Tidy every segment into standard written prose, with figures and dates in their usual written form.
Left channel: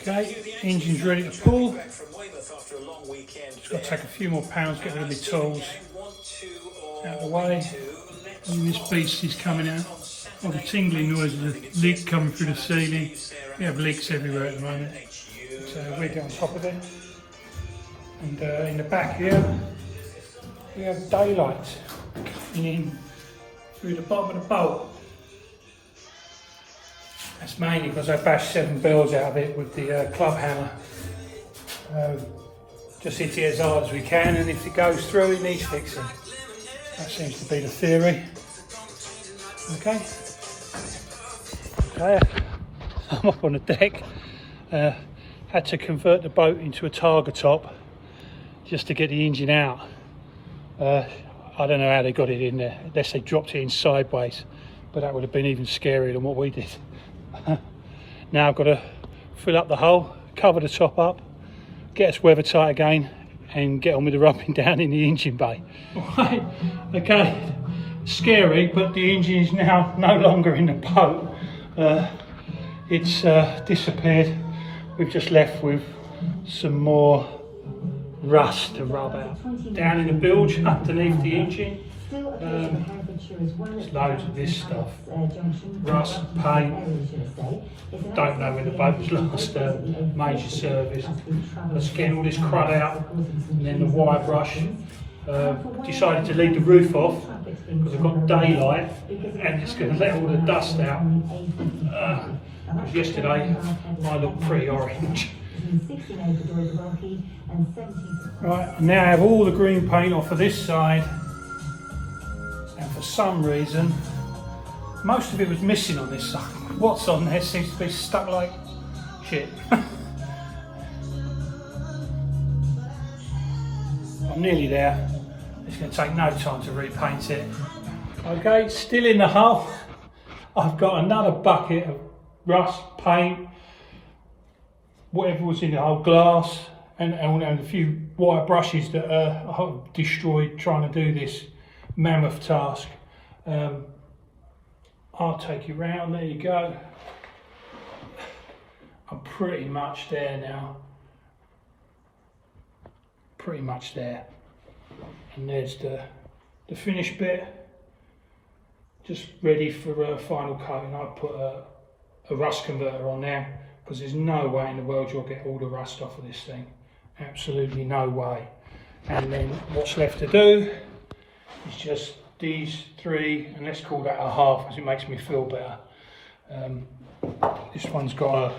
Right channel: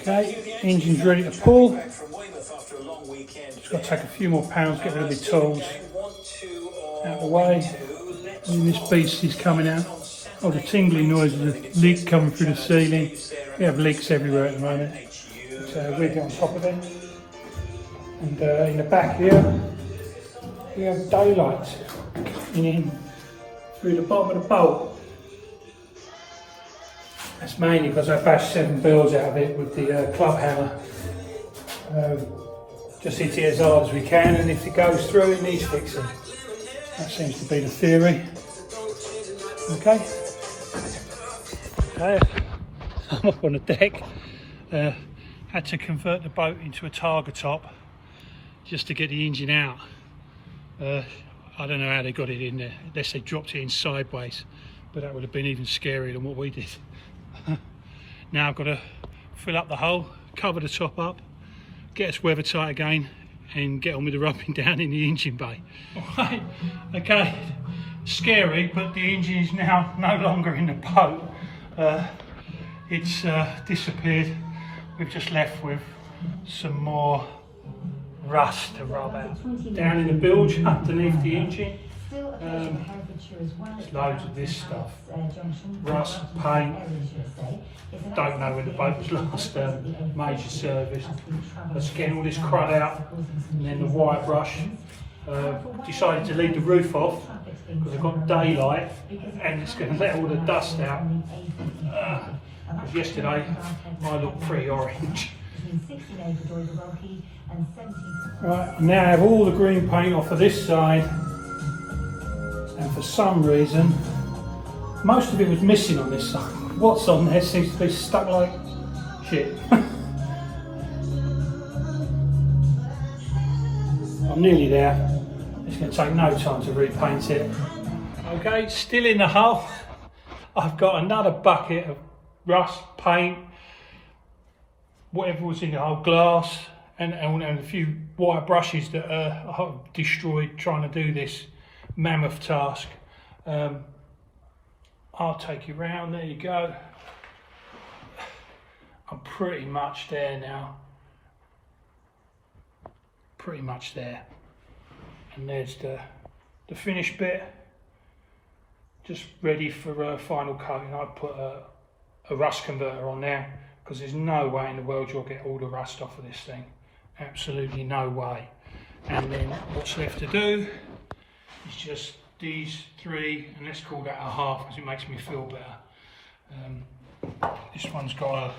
Okay, engine's ready to pull. Just got to take a few more pounds, get rid of the tools out of the way. And this beast is coming out. Oh, the tingly noise of the leak coming through the ceiling. We have leaks everywhere at the moment. So we get on top of it. And in the back here, we have daylight in through the bottom of the bolt. That's mainly because I bashed 7 bills out of it with the club hammer. Just hit it as hard as we can, and if it goes through, it needs fixing. That seems to be the theory. Okay. I'm up on the deck. Had to convert the boat into a targa top just to get the engine out. I don't know how they got it in there, unless they dropped it in sideways, but that would have been even scarier than what we did. Now I've got to fill up the hole, cover the top up, get us weather tight again, and get on with the rubbing down in the engine bay. Right, okay, scary, but the engine is now no longer in the boat. It's disappeared. We've just left with some more rust to rub down in the bilge underneath the engine. There's loads of this stuff, rust, paint. Don't know when the boat was last major service. Let's get all this crud out, and then the wire brush. Decided to leave the roof off because I've got daylight and it's going to let all the dust out. Because yesterday I looked pretty orange. Right, I now have all the green paint off of this side, and for some reason most of it was missing on this side. What's on there seems to be stuck like shit. I'm nearly there. It's going to take no time to repaint it. Okay, still in the hull. I've got another bucket of rust, paint, whatever was in the whole glass, and a few wire brushes that I destroyed trying to do this mammoth task. I'll take you round, there you go. I'm pretty much there now. Pretty much there. And there's the finished bit, just ready for a final coating. I put a rust converter on there because there's no way in the world you'll get all the rust off of this thing. Absolutely no way. And then what's left to do is just these 3, and let's call that a half because it makes me feel better. This one's got a,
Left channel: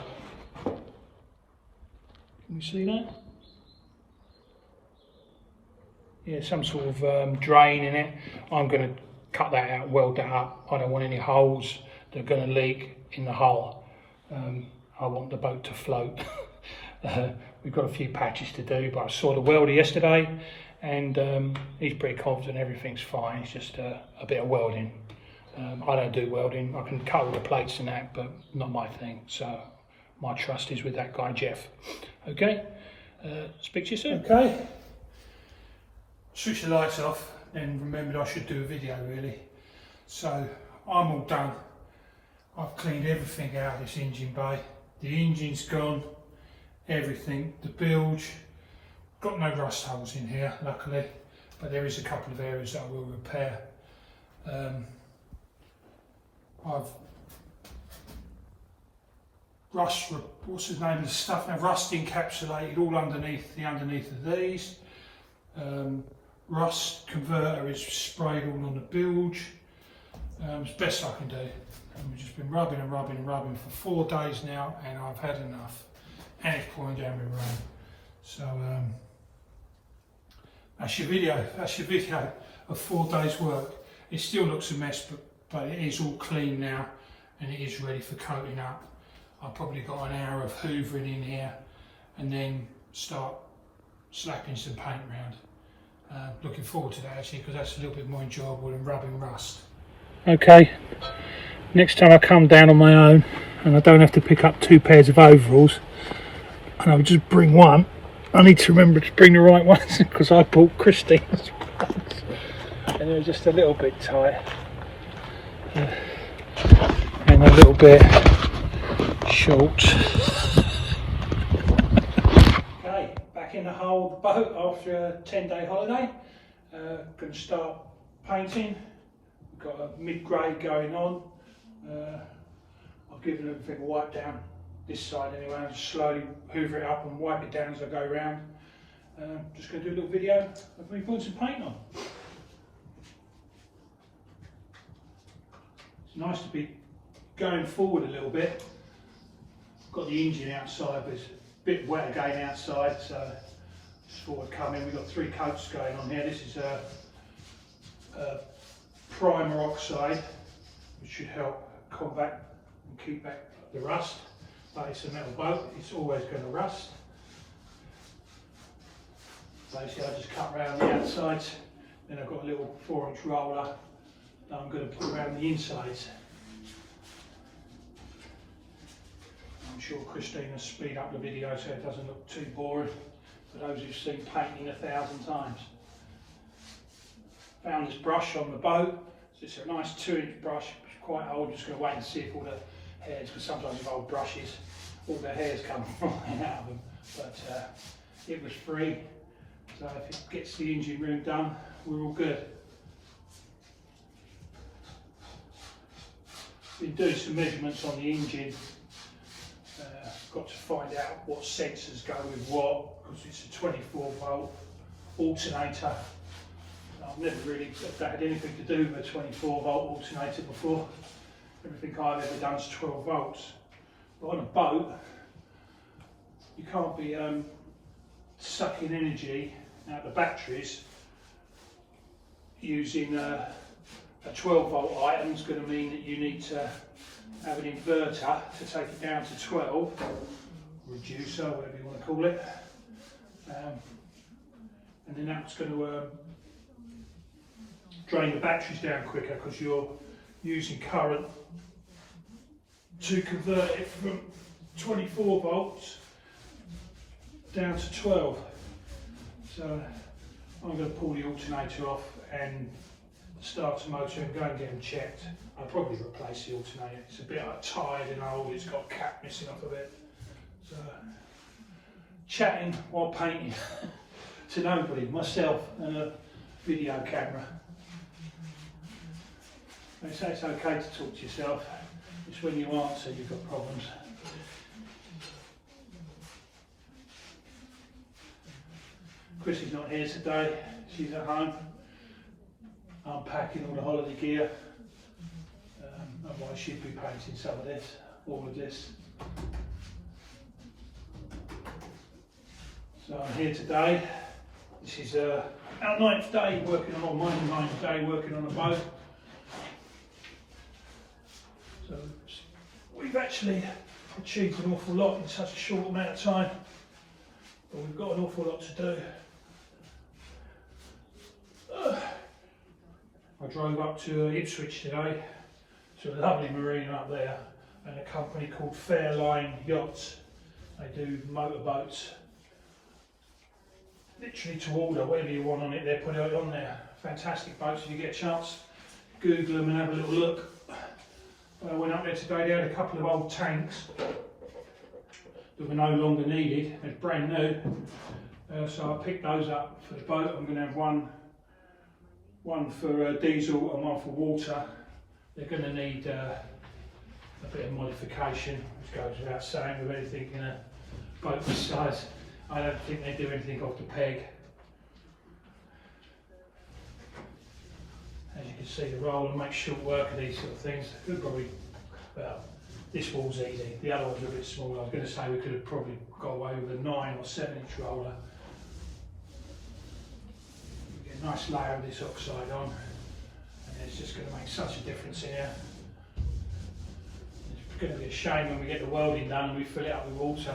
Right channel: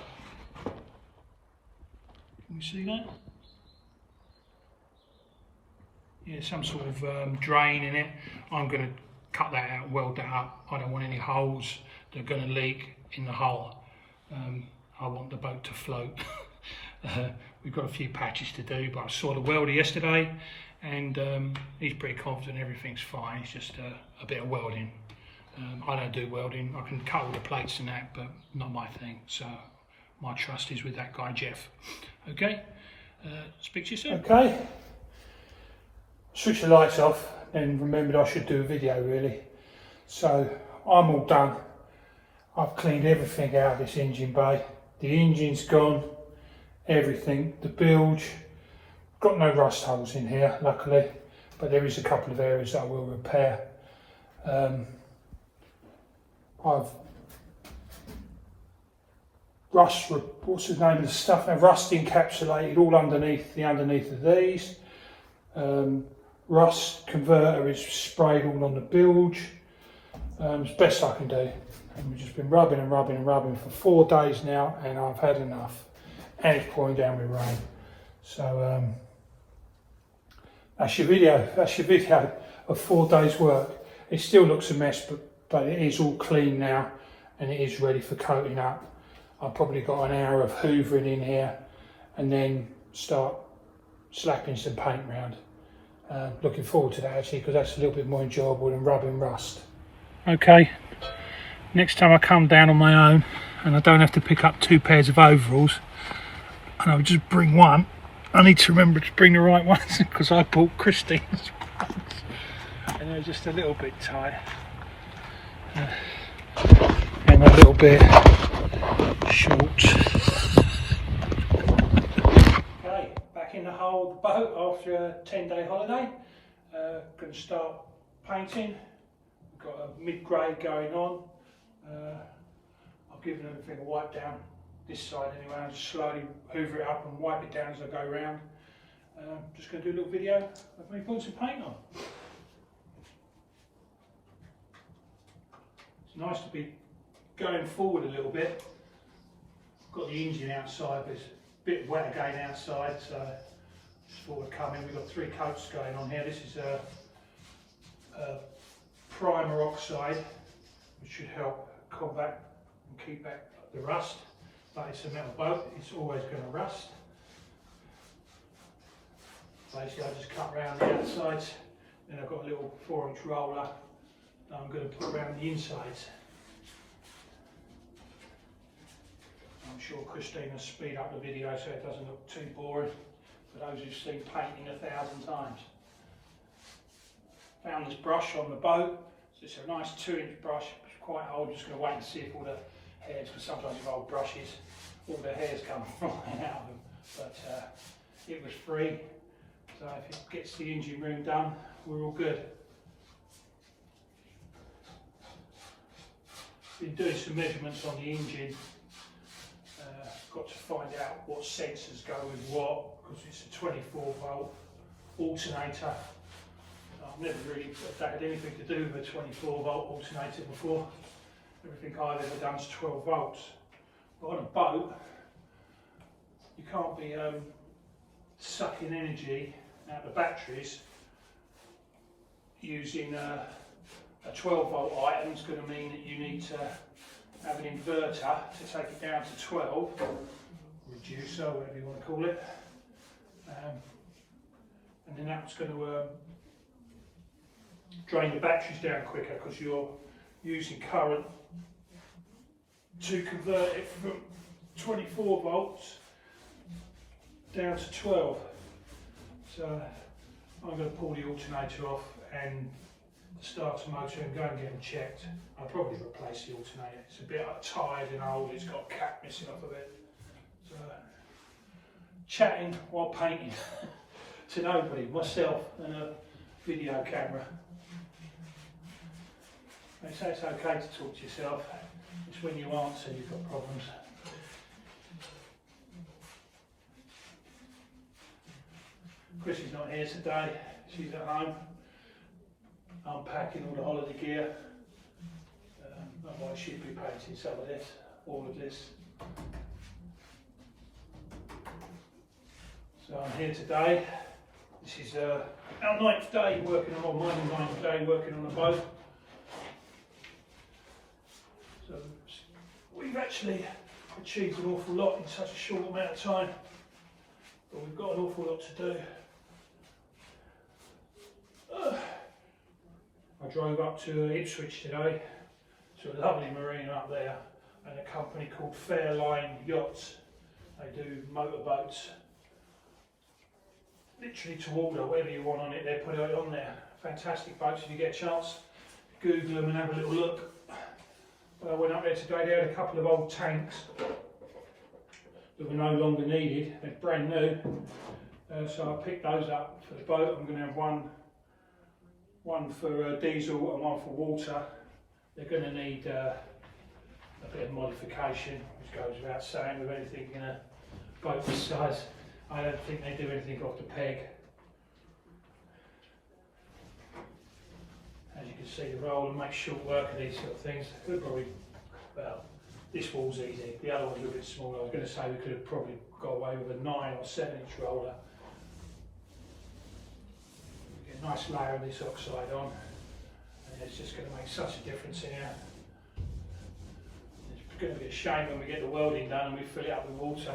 can you see that? Yeah, some sort of drain in it. I'm going to cut that out, weld that up. I don't want any holes that are going to leak in the hull. I want the boat to float. We've got a few patches to do, but I saw the welder yesterday and he's pretty confident everything's fine. It's just a bit of welding. I don't do welding. I can cut all the plates and that, but not my thing. So my trust is with that guy, Jeff. Okay, speak to you soon. Okay. Switch the lights off and remembered I should do a video really. So I'm all done. I've cleaned everything out of this engine bay. The engine's gone, everything, the bilge. Got no rust holes in here luckily, but there is a couple of areas that I will repair. I've rust, what's the name of the stuff now? Rust encapsulated all underneath of these. Rust converter is sprayed all on the bilge. It's best I can do. And we've just been rubbing and rubbing and rubbing for 4 days now, and I've had enough. And it's pouring down with rain. So that's your video. That's your video of 4 days' work. It still looks a mess, but it is all clean now, and it is ready for coating up. I've probably got an hour of hoovering in here, and then start slapping some paint around. Looking forward to that actually, because that's a little bit more enjoyable than rubbing rust. Okay, next time I come down on my own and I don't have to pick up 2 pairs of overalls and I'll just bring one, I need to remember to bring the right ones because I bought Christine's ones and they're just a little bit tight and a little bit short. old boat after a 10-day holiday. Going to start painting. We've got a mid-grade going on. I've given everything a wipe down this side anyway. I'll just slowly hoover it up and wipe it down as I go around. Just going to do a little video of me putting some paint on. It's nice to be going forward a little bit. Got the engine outside, but it's a bit wet again outside, so just thought I'd come in. We've got 3 coats going on here. This is a primer oxide, which should help combat and keep back the rust. But it's a metal boat, it's always going to rust. Basically, I just cut around the outsides, then I've got a little 4-inch roller that I'm going to put around the insides. I'm sure Christina speed up the video so it doesn't look too boring for those who've seen painting 1,000 times. Found this brush on the boat, so it's a nice 2-inch brush. It's quite old. Just going to wait and see if all the hairs, because sometimes with old brushes all the hairs come flying out of them, but it was free, so if it gets the engine room done, we're all good. Been doing some measurements on the engine. Got to find out what sensors go with what, because it's a 24-volt alternator. I've never really had anything to do with a 24-volt alternator before. Everything I've ever done is 12 volts. But on a boat, you can't be sucking energy out of the batteries using a 12-volt item. Is going to mean that you need to have an inverter to take it down to 12, reducer, whatever you want to call it, and then that's going to drain the batteries down quicker, because you're using current to convert it from 24 volts down to 12. So I'm going to pull the alternator off and start the motor and go and get them checked. I'll probably replace the alternator. It's a bit tired and old, it's got a cap missing off of it. So, chatting while painting to nobody, myself and a video camera. They say it's okay to talk to yourself. It's when you answer you've got problems. Chrissy's not here today, she's at home. Unpacking all the holiday gear. Otherwise she'd be painting some of this, all of this. So I'm here today. This is our 9th day working on, or my 9th day working on a boat. So we've actually achieved an awful lot in such a short amount of time, but we've got an awful lot to do. I drove up to Ipswich today, to a lovely marina up there, and a company called Fairline Yachts. They do motorboats, literally to order, whatever you want on it, they put it on there. Fantastic boats. If you get a chance, Google them and have a little look. I went up there today, they had a couple of old tanks that were no longer needed, they're brand new, so I picked those up for the boat. I'm going to have one for diesel and one for water. They're going to need a bit of modification, which goes without saying with anything in a boat this size. I don't think they do anything off the peg. As you can see, the roller makes short work of these sort of things. Could probably, well, this wall's easy, the other one's a bit smaller. I was going to say we could have probably got away with a 9 or 7-inch roller. Get a nice layer of this oxide on, and it's just going to make such a difference here. It's going to be a shame when we get the welding done and we fill it up with water.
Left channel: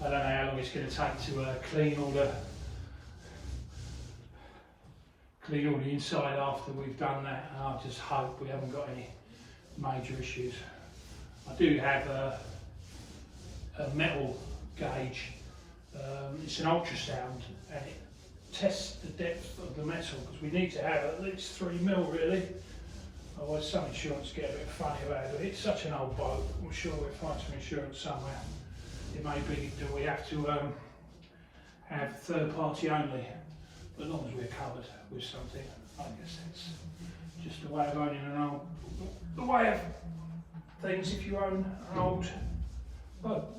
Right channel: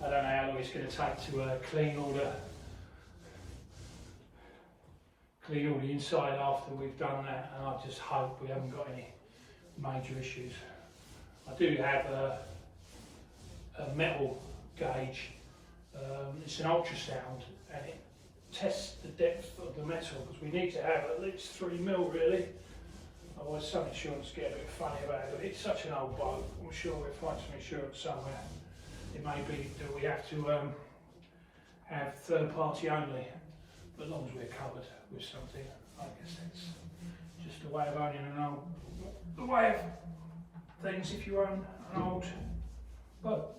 I don't know how long it's going to take to clean all the inside after we've done that, and I just hope we haven't got any major issues. I do have a metal gauge. It's an ultrasound, and it tests the depth of the metal, because we need to have at least 3 mil really. Otherwise some insurance get a bit funny about it, but it's such an old boat, I'm sure we'll find some insurance somewhere. It may be that we have to have third party only, but as long as we're covered with something, I guess it's just a way of owning the way of things if you own an old boat.